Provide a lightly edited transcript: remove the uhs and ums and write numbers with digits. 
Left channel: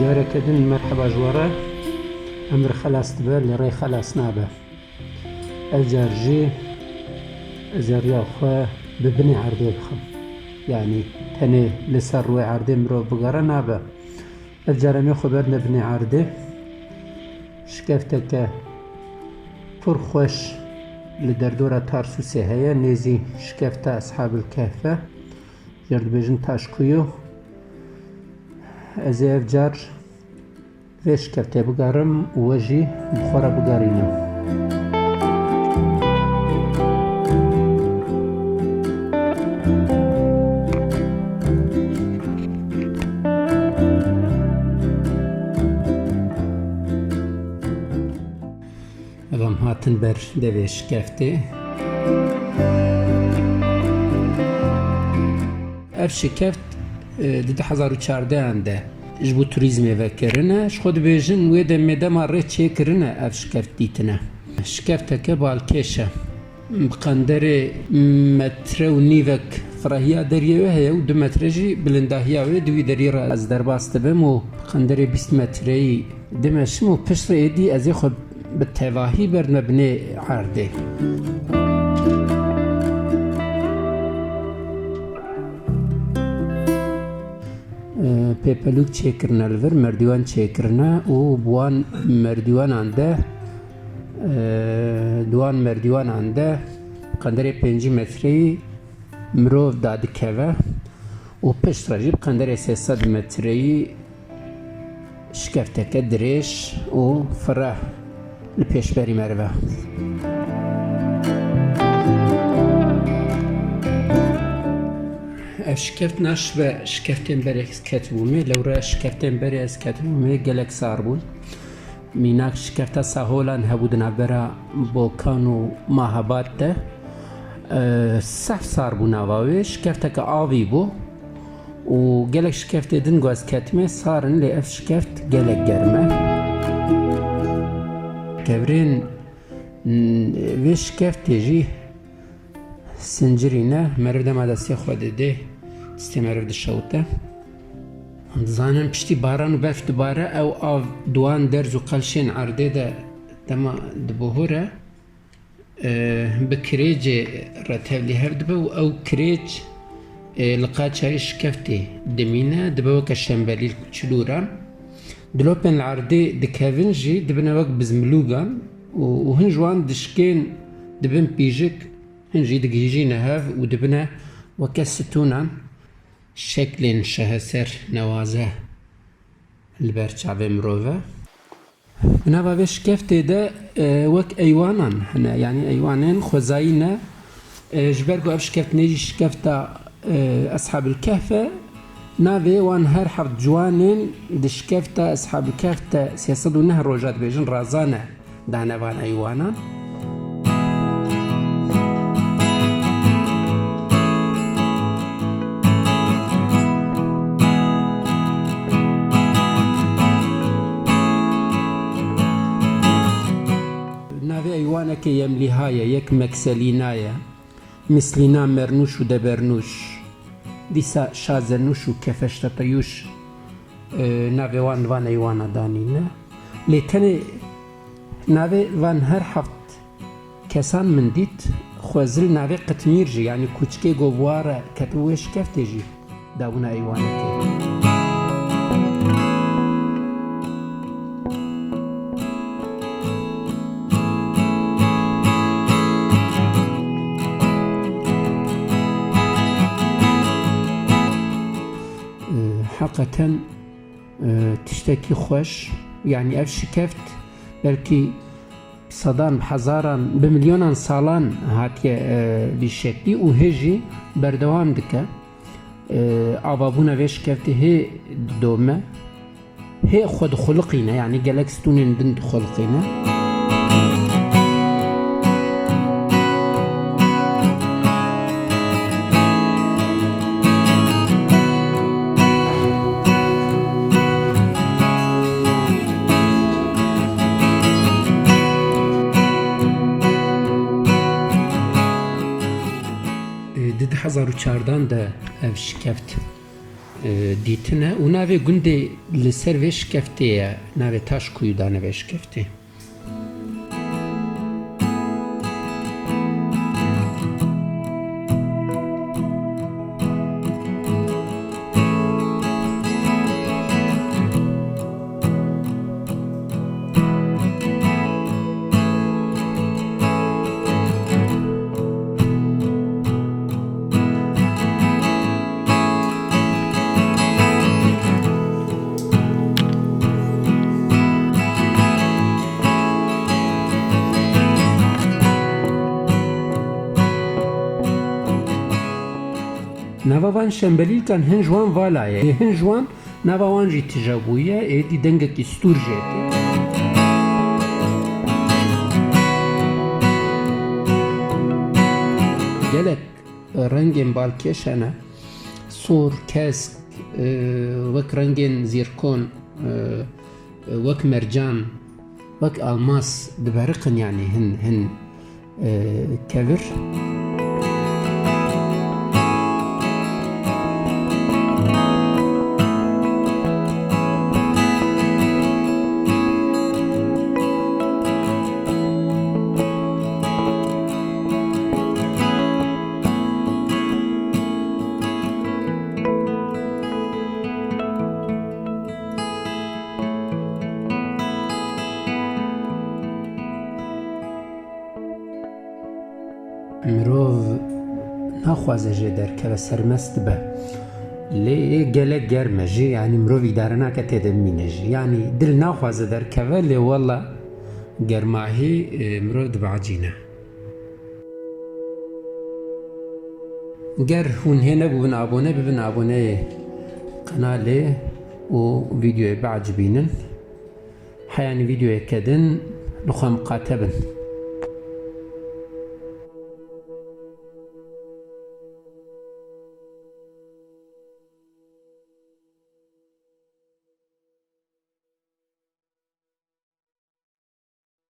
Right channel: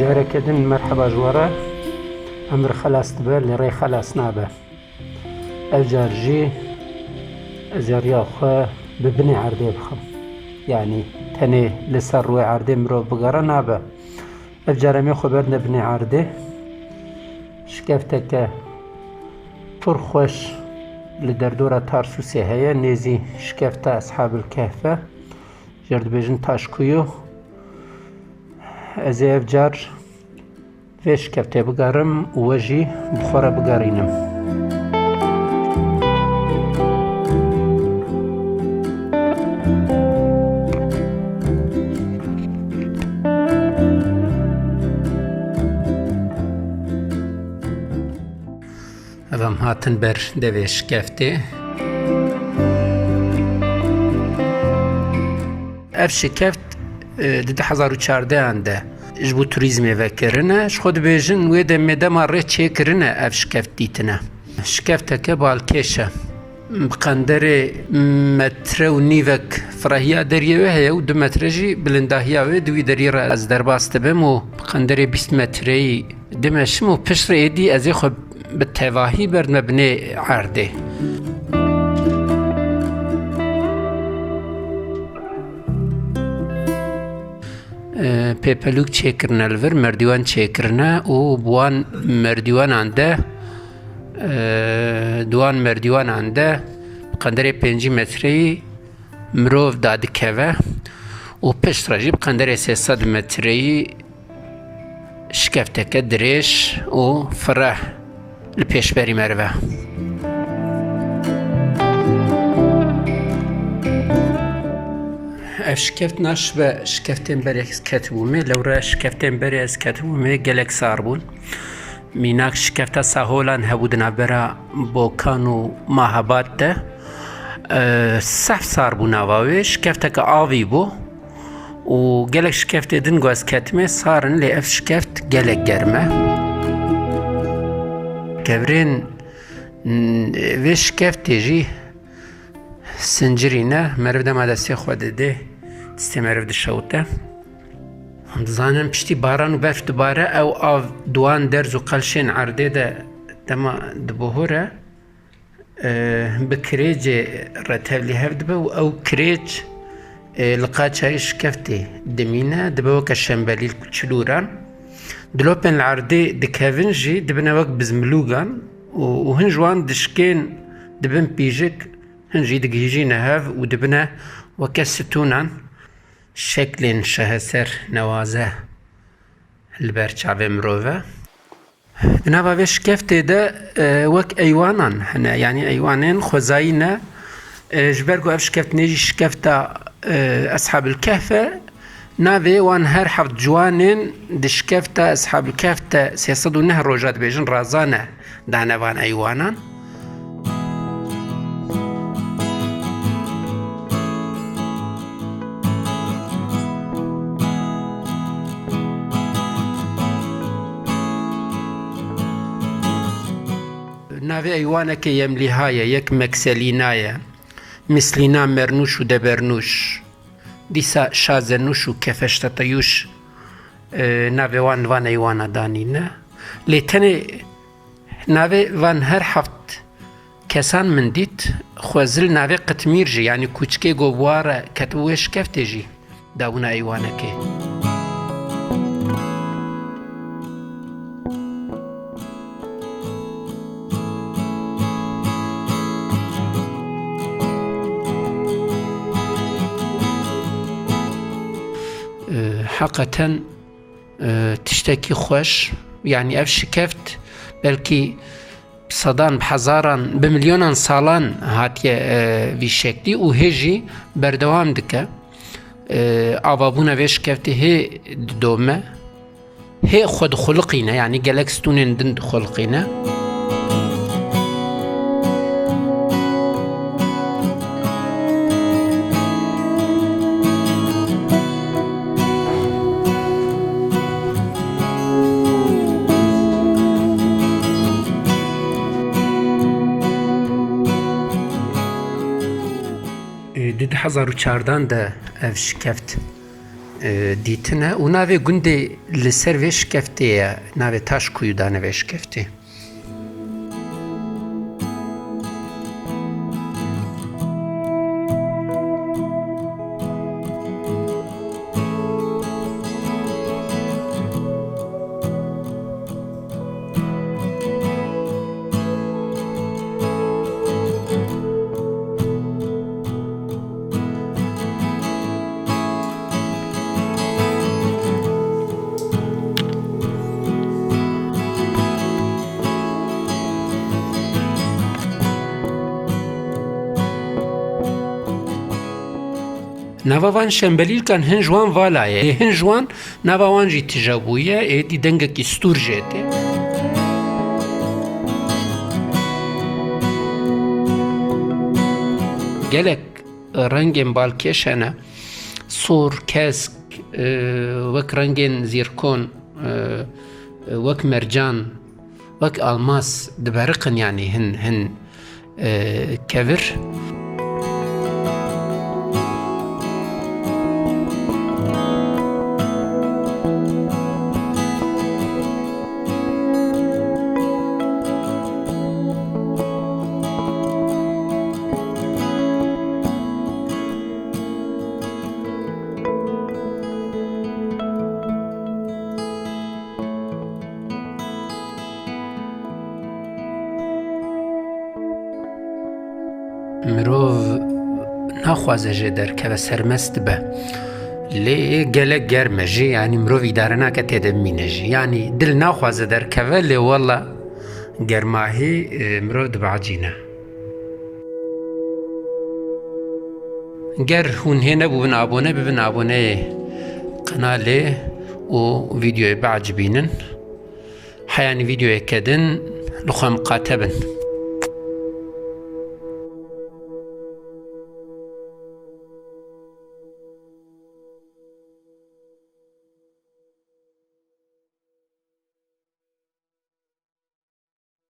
جارك دن مرحبا جوارا أمر خلاص تبر لري خلاص نابه أجرجي أجريا خو ببني عردي بخم يعني تاني لسر روي عردي مرو بقرا نابه أجرمي خو بدنا بني عردي شكفتك فرخوش لدردورة تارسوسي هيا نيزي شكفتا أصحاب الكهف جرد بيجن تاشقيو أزي أفجار فيش كفتي بقارم ووجي بخورة بقارينم أفهم هاتن بر دويش كفتي أفشي كفت دد 2014 عنده جبو توریزمی وکرنه خود بیشن وید مدام ره چه کرنه اف شکفت دیتنه شکفت که بالکشه بقندر متر و نیوک فرهیا دریه هی و 2 مترجی بلندهیا و دوی دری را از درباست بم و بقندر 20 متری دمشم و پشت ایدی از خود به تواهی برد مبنی عرده پیپلوک چیکرنه الور مردوان چیکرنه و بوان مردوان عنده دوان مردوان عنده قندر 5 متری مروف داد که و پشت راجی قندر 300 متری شکفته که دریش و فرح لپیش بری مروه شكفت ناشبة شكفتين بري كتبومي لو را شكفتين بري از كتبومي گلك ساربون ميناك شكفتا ساهولان هبودنا برا بوكانو ماهبات ده صف ساربون آواوي شكفتا كآوي بو و گلك شكفت دنگو از كتمي سارن لي اف شكفت گلك گرمه كبرين وي شكفت جي سنجرينه مرد ما دستی خود ده استمرد شوته زانم پشتی باران و برف دوباره او آو دوان درز و قلشین عرده ده دما دبوهره بکریج رتبلی هفت به او کریج لقا چایش کفتی دمینه دبا وک شنبلیل چلوران دلوپن العرده دکاونجی دبنا وک بزملوگان و هنجوان دشکین دبن بیجک هنجي دقيجي نهاف ودبنا وكستونا شكل شهسر نوازه البرشعب مروفه بنابا بيش كفتي ده وك ايوانان هنا يعني ايوانين خزاينه جبرقو افش كفت نيجي شكفتا اصحاب الكهف نافي وان هر حفظ جوانين دشكفتا اصحاب الكهف سيصدو نهر روجات بيجن رازانه دانا وان ايوانان ايوانك يمليهايا يك مكسلينايا مثلنا مرنوش ودبرنوش ديسا شازنوش وكفشتطيوش ناوي وان ايوانا دانينا ليتني ناوي وان هر حفت كسان من ديت خوزل ناوي قتميرجي يعني كوچكي گوبوارا كتوش كفتجي داونا ايوانك حقيقة تشتكي خوش يعني اف شكفت بلكي صدان بحزاران بمليونان سالان هاتيه في شكلي وهجي بردوام دكه آبابونا في شكفتي هي دومه هي خود خلقينا يعني جالكستونين دند خلقينا دید 2014 ده اف شکفت دیتنه و ناوی گنده لسر ویش کفته یا ناوی تاش کویدانه ویش کفته نوان شنبلیل کن هنجوان والایه هنجوان نوان جی تجابویه ایدی دنگه کی ستور جده گلک رنگین بالکشنه سور کسک وک رنگین زیرکون وک مرجان وک الماس دبرقن يعني هن كبر مروف نخوازه جه درکه سرمست به لی گله گرمه جی یعنی مروفی دارنا که تدمینه جی یعنی دل نخوازه درکه لی والله گرماهی مروف دبعجینه گر هون هنه ببن آبونه قناله و ویدیوی بعج بینن حیانی ویدیوی کدن لخواه مقاتبن